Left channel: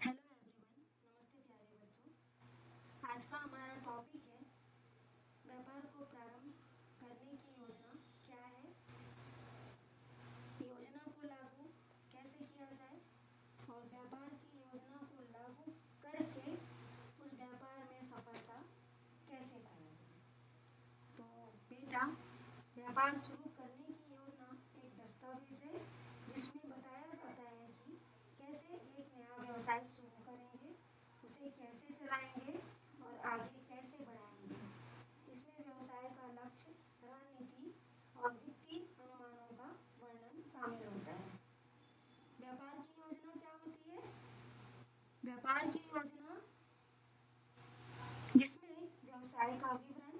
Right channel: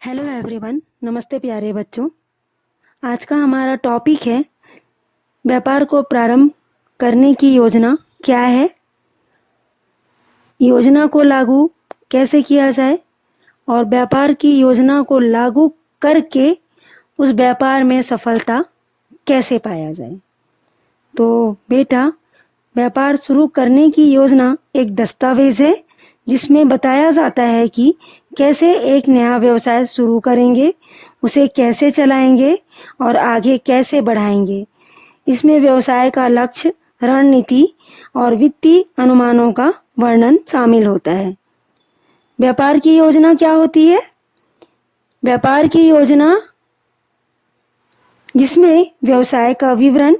Hello everyone, नमस्ते प्यारे बच्चों। आज का हमारा टॉपिक है व्यापार को प्रारंभ करने की योजना क्या है, योजना को लागू कैसे किया जाए और व्यापार की योजना को लागू करके उस व्यापार में सफलता कैसे पाया जाए। तो बेटा, व्यापार शुरू करने की योजना एक दस्तावेज है जिसमें बताया जाता है कि कैसे एक नया व्यवसाय शुरू करेंगे, उसे कैसे चलाएंगे और आगे कैसे बढ़ाएंगे। इसमें व्यवसाय का लक्ष्य, रणनीति और वित्तीय अनुमानों का वर्णन शामिल होता है। व्यापार की योजना क्या होती है? व्यापार की योजना जिसमें व्यवसाय का विवरण,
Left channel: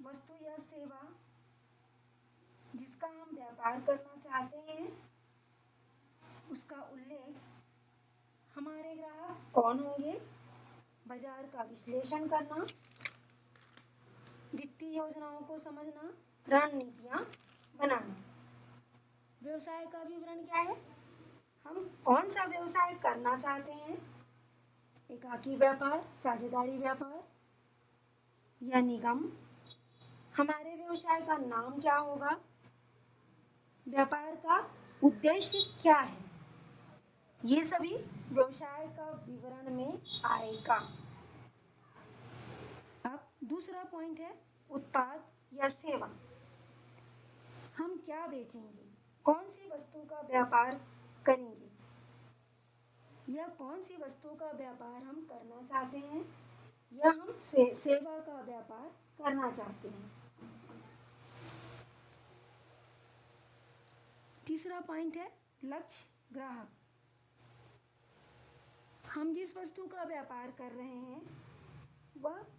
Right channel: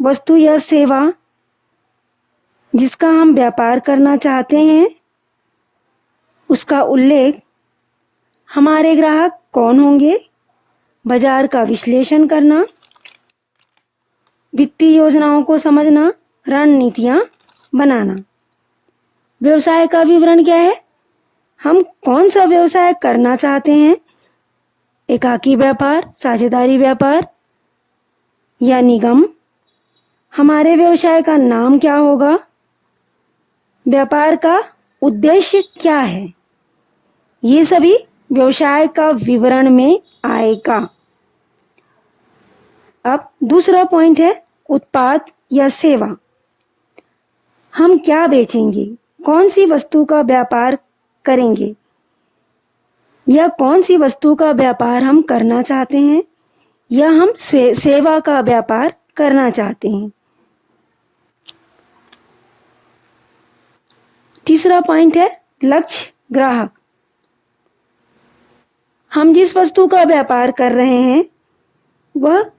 वस्तु या सेवा जिसका हम व्यापार करना चाहते हैं, उसका उल्लेख, हमारे ग्राहक कौन होंगे, बाजार का विश्लेषण करना, वित्तीय योजनाओं को समझना, रणनीतियां बनाना। व्यवसाय का विवरण क्या है? हम कौन सा व्यवसाय करना चाहते हैं, एकाकी व्यापार, साझेदारी व्यापार या निगम। हमारे व्यवसाय का नाम क्या होगा, व्यापार का उद्देश्य क्या है, ये सभी व्यवसाय का विवरण में आएगा। अब दूसरा पॉइंट है उत्पाद या सेवा। हम क्या बेचेंगे, कौन सी वस्तु का व्यापार करेंगे या कौन सी वस्तु का व्यापार हम करना चाहते हैं या हम सेवा का व्यापार करना चाहते हैं। तीसरा पॉइंट है लक्ष्य, ग्राहक। हम जिस वस्तु का व्यापार कर रहे हैं वह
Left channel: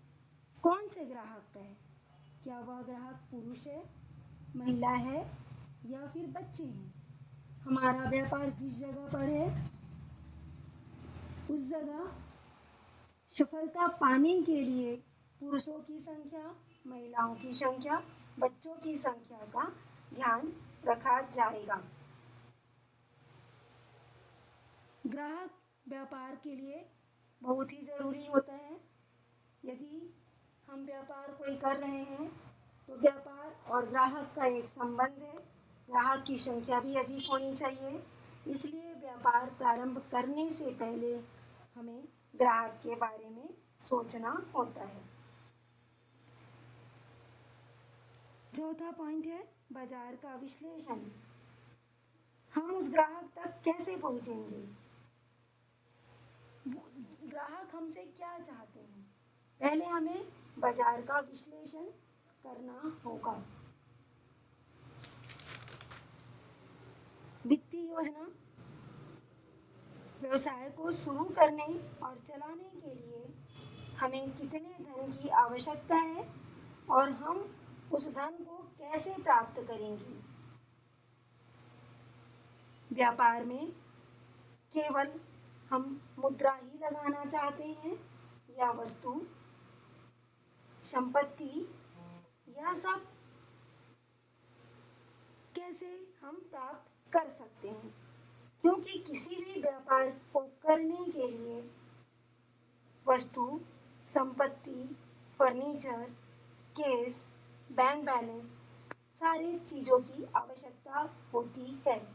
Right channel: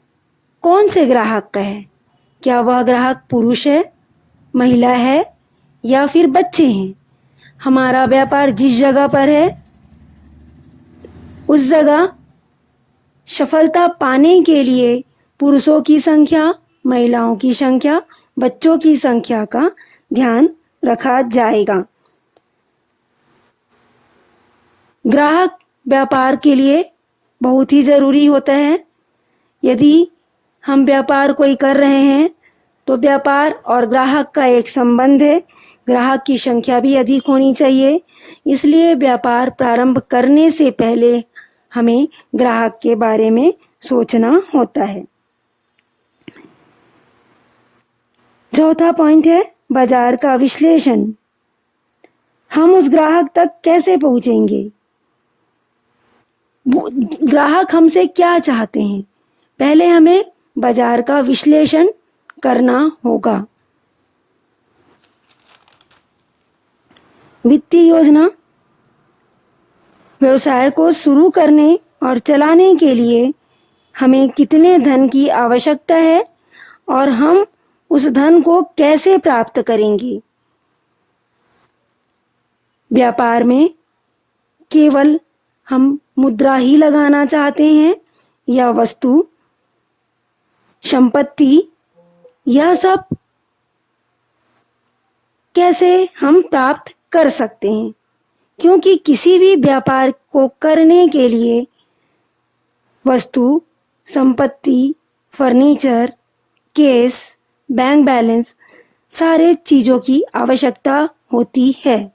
कौन से ग्राहक का है, क्या वह ग्राहक पुरुष है, महिला है या फिर बच्चे हैं। हमारा व्यापार जिस जगह पर है उस जगह सफलता पाने के लिए पुरुषों की संख्या, महिलाओं की संख्या, बच्चों की संख्या का ध्यान रखा जाएगा। ग्राहक व्यापार के लिए बहुत ही ज़रूरी होता है। यदि हम व्यापार कोई कर रहे हैं तो व्यापार और ग्राहक का एक संबंध है, ग्राहक की संख्या भी अधिक होनी चाहिए। इसलिए व्यापार प्रारंभ करने से पहले हमें ग्राहक के बारे में सोचना होता है। चौथा पॉइंट है बाजार का विश्लेषण। हम उस ग्राहक तक कैसे पहुंचेंगे, ग्राहक हमसे क्या चाहते हैं, पहले हमें बाजार का विश्लेषण करना होगा। वित्तीय योजना, व्यवसाय को शुरू करने और चलाने के लिए हमें कितने धन की आवश्यकता है और हम उस धन को कैसे प्राप्त करेंगे। व्यापार में केवल हम मुद्रा ही लगाना चाहते हैं या वस्तु, संपत्ति, यह सब कैसे हम प्राप्त कर सकते हैं। क्योंकि किसी भी व्यापार को करने के लिए वस्तु, संपत्ति, फर्नीचर, केस, बैंक बैलेंस, सारे चीज़ों की आवश्यकता होती है।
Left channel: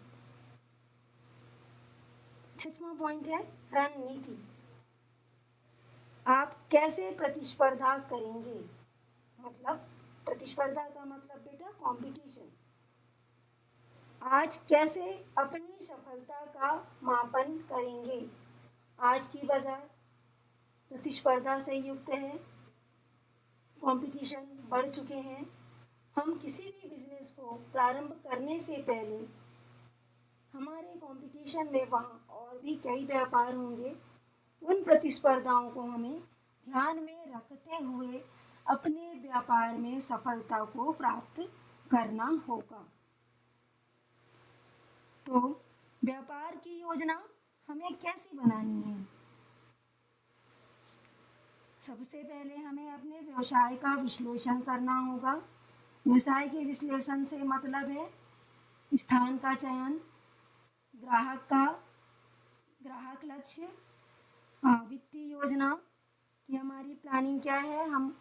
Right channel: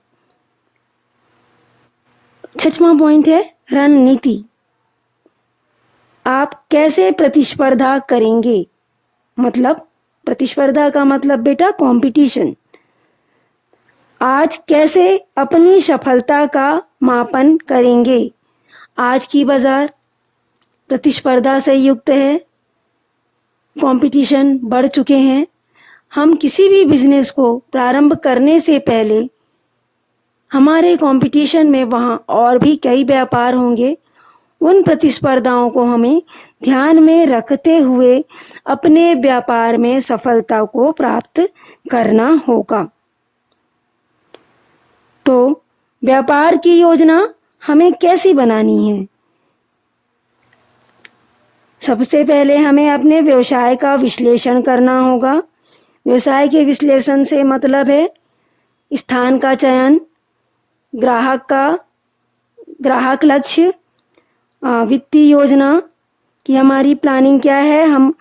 छठवां पॉइंट है रणनीति। आप कैसे प्रतिस्पर्धा करेंगे, मतलब प्रतिस्पर्धा का मतलब बेटा कंपटीशन। आज कैसे अपनी सफलता का मापन करेंगे। आज की बाजार प्रतिस्पर्धा से युक्त है, कंपटीशन बढ़ चुके हैं। हम किसी भी बिजनेस को प्रारंभ करने से पहले हमारे कंपटीशन में वहाँ और भी कई व्यापार होंगे, उन प्रतिस्पर्धाओं को हमें ध्यान में रखते हुए अपने व्यापार में सफलता को प्राप्त करना होगा। तो व्यापार की योजना हमें कैसी बनानी है? सबसे पहले हमें अपने व्यवसाय का विश्लेषण करना होगा। व्यवसाय के विश्लेषण से मतलब है स्थान का चयन, ग्राहक लक्ष्य, वित्तीय योजना कि हमारी प्लानिंग क्या है, हम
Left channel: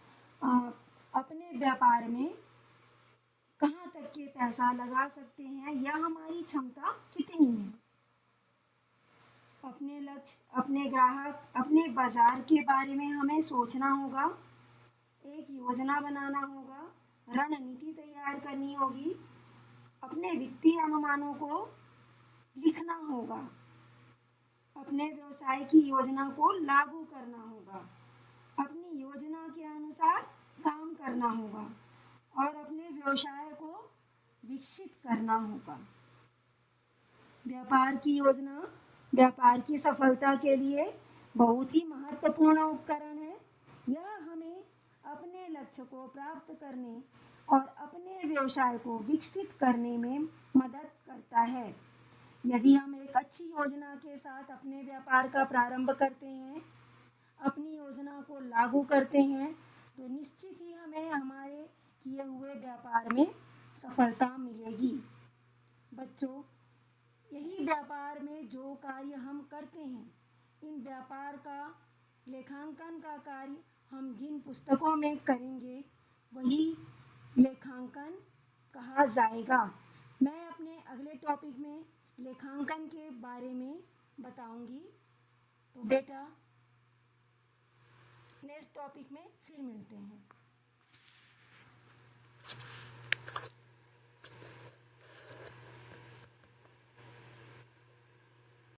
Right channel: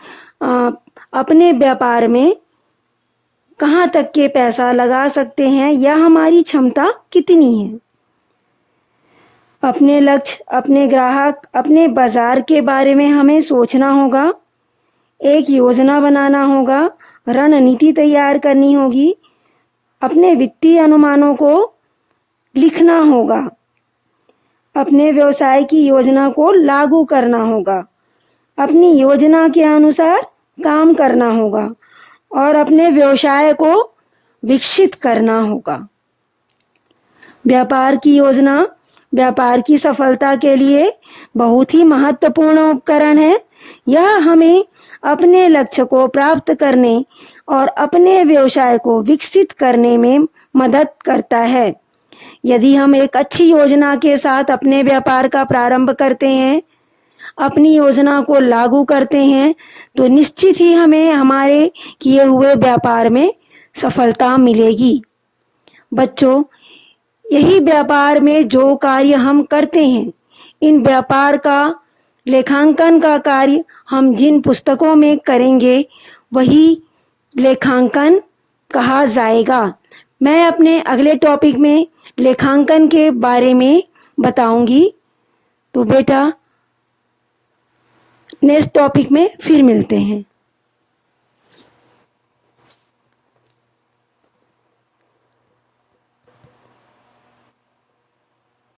अपने व्यापार में कहाँ तक के पैसा लगा सकते हैं या हमारी क्षमता कितनी है। अपने लक्ष्य, अपने ग्राहक, अपने बाज़ार के बारे में हमें सोचना होगा, एक योजना बनाना होगा, रणनीति तैयार करनी होगी, अपने वित्तीय अनुमानों को लिखना होगा, अपने व्यवसाय की योजना को लागू करना होगा, अपनी योजना के अनुसार काम करना होगा और अपने व्यवसाय को विकसित करना होगा। व्यापार की योजना व्यापार की सफलता के लिए बहुत ही महत्वपूर्ण उपकरण है। यह हमें अपने लक्ष्य को प्राप्त करने और अपने व्यवसाय को विकसित करने में मदद करता है। यदि हम एक अच्छी योजना के साथ अपने व्यापार का प्रारंभ करते हैं, अपनी योजना को लागू करते हैं, तो निश्चित ही हमें हमारे किए हुए व्यापार में सफलता मिलेगी। बच्चों, यही व्यापार में जो कार्य हम करते हैं, इन व्यापार का लेखांकन का कार्य हम जिन पुस्तकों में करेंगे वही लेखांकन कहा जाएगा। मैं अपने अगले टॉपिक में लेखांकन के बारे में बताऊंगी। तो बेटा, नेक्स्ट टॉपिक में फिर मिलते हैं।